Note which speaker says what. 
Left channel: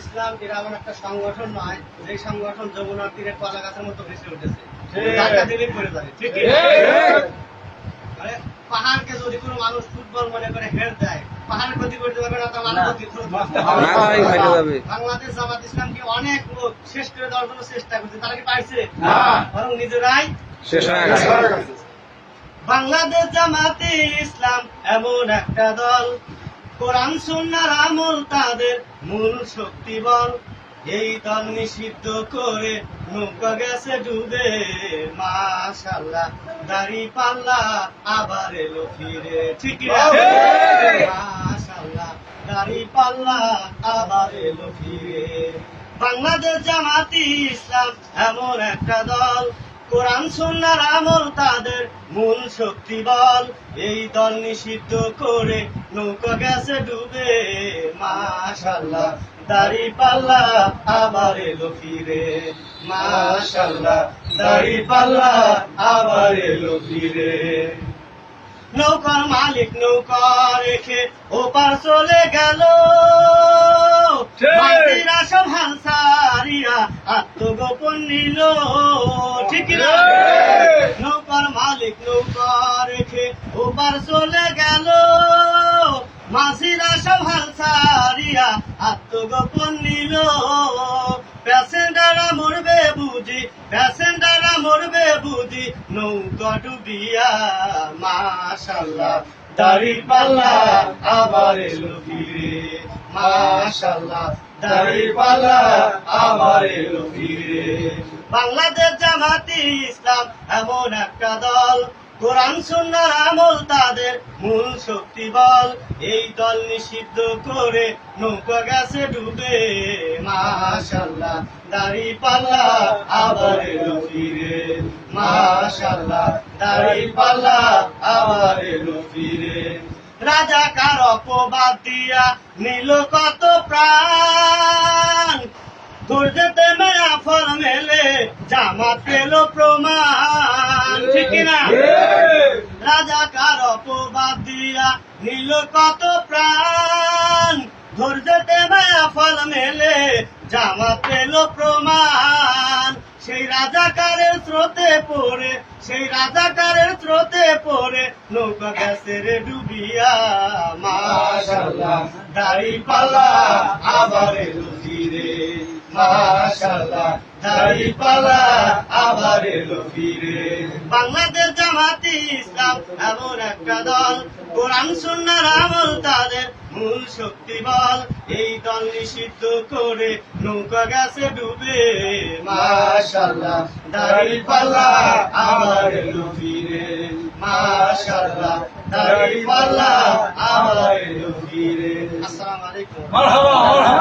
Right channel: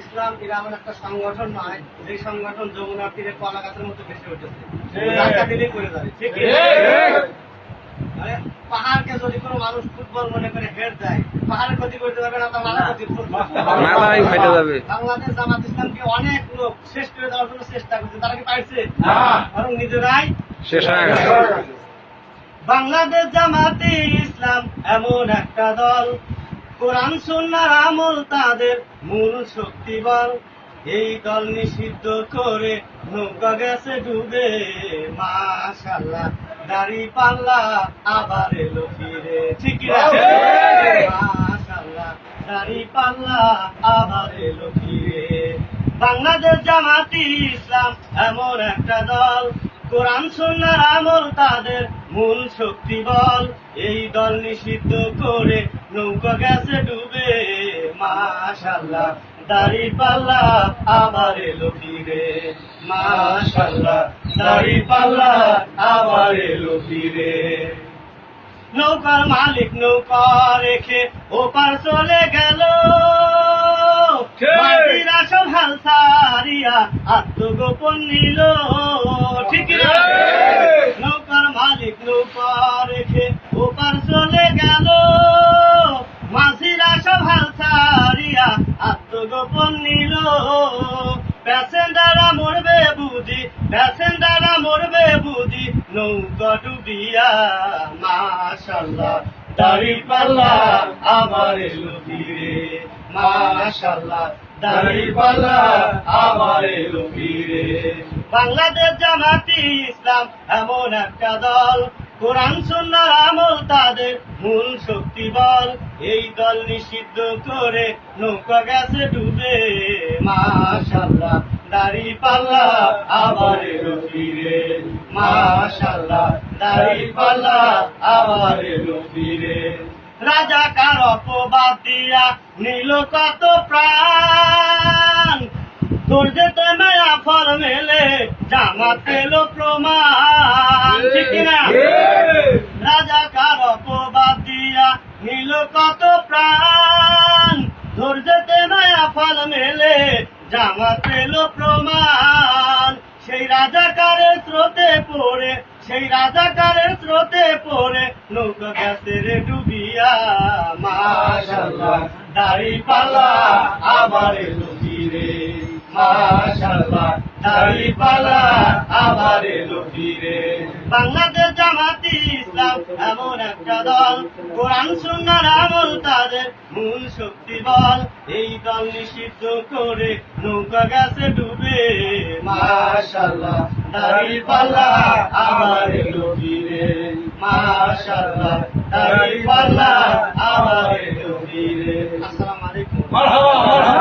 Speaker 1: ইসলাম এরা এমন একটা সংগঠন নয় যে সংগঠন যমুনার তীরে কলা গাছের মতো বেশি উঠেছে। দিলেই পড়ে যাবে ঠিক মানে পাহাড়কে যদি কোনো মানুষ ফুটবল মনে করে হেড দেয় পাহাড়ের ক্ষতি করতে পারবে না তার মাথা ক্ষতি করতে পারবে না।
Speaker 2: মাথায় ফেটে যাবে।
Speaker 1: বাংলাদেশ জামাত ইসলামকে অনেক লোক শেষ করে দেওয়ার জন্য চেষ্টা করছে তারা কি পারছে? বরং নিজেরাই
Speaker 2: শেষ হয়ে গেছে।
Speaker 1: বাংলাদেশ জামাতে ইসলাম এমন একটা দল কোরআন সুন্নার আমল তাদের মূল শক্তি বল। এই দল নিষিদ্ধ করে নৌকা গেছে ডুবে। মাশাল্লাহ দাড়ি পাল্লা আবার এলো ফিরে। ঠিক। মাশাল্লাহ দাড়ি পাল্লা আবার এলো ফিরে। বাংলাদেশ জামাতি ইসলাম এমন একটা দল কোরআন সুন্নার আমল তাদের মূল শক্তি বল। এই দল নিষিদ্ধ করে নৌকা গেছে ডুবে মাশাল্লাহ দাড়ি পাল্লা আবার এলো ফিরে। মাশাল্লাহ দাড়ি পাল্লা আবার এলো ফিরে। নৌকার মালিক নৌকা রেখে ওপার চলে গেল। সব হাল সারিয়া আত্মগোপন নিল। ওপার চলে গেল। মাঝিরা সব সারিয়া আত্মগোপন নিল। প্যাসেঞ্জাররা মরবে বুঝি, প্যাসেঞ্জাররা মরবে বুঝি। নৌকা ডুবিয়া, মাশাল্লাহ দাড়ি পাল্লা আবার এলো ফিরে। মাশাল্লাহ দাড়ি পাল্লা আবার এলো ফিরে। বাংলাদেশ জামাতি ইসলাম এমন একটা দল কোরআন সুন্নার আমল তাদের মূল শক্তি বল। এই দল নিষিদ্ধ করে নৌকা গেছে ডুবে। মাশাল্লাহ দাড়ি পাল্লা আবার এলো ফিরে। মাশাল্লাহ দাড়ি পাল্লা আবার এলো ফিরে। রাজাকার অপবাদ দিয়া নিল কত প্রাণ? তোর যেতে মায়া ফল মেলে জামা পেল প্রমাণ ঠিক না
Speaker 3: ঠিক।
Speaker 1: রাজাকার অপবাদ দিয়া নিল প্রাণ ধৈর্যতে মায়া ফল মেলে জামা পেল প্রমাণ। সেই রাজাকারের স্রোতে পড়ে, সেই রাজাকারের স্রোতে পড়ে, নৌকা গ্যাসের ডুবিয়া। মাশাল্লাহ দাড়ি পাল্লা আবার এলো। ফিরে। বাংলাদেশ জামাতি ইসলাম এমন একটা দল। কোরআন, সুন্নার আমল তাদের মূল শক্তি বল। এই দল নিষিদ্ধ করে নৌকা গেছে ডুবে। মাশাল্লাহ দাড়ি পাল্লা আবার এলো ফিরে। মাশাল্লাহ দাড়ি পাল্লা আবার এলো আসসালামু আলাইকুম।
Speaker 3: মারহাবা।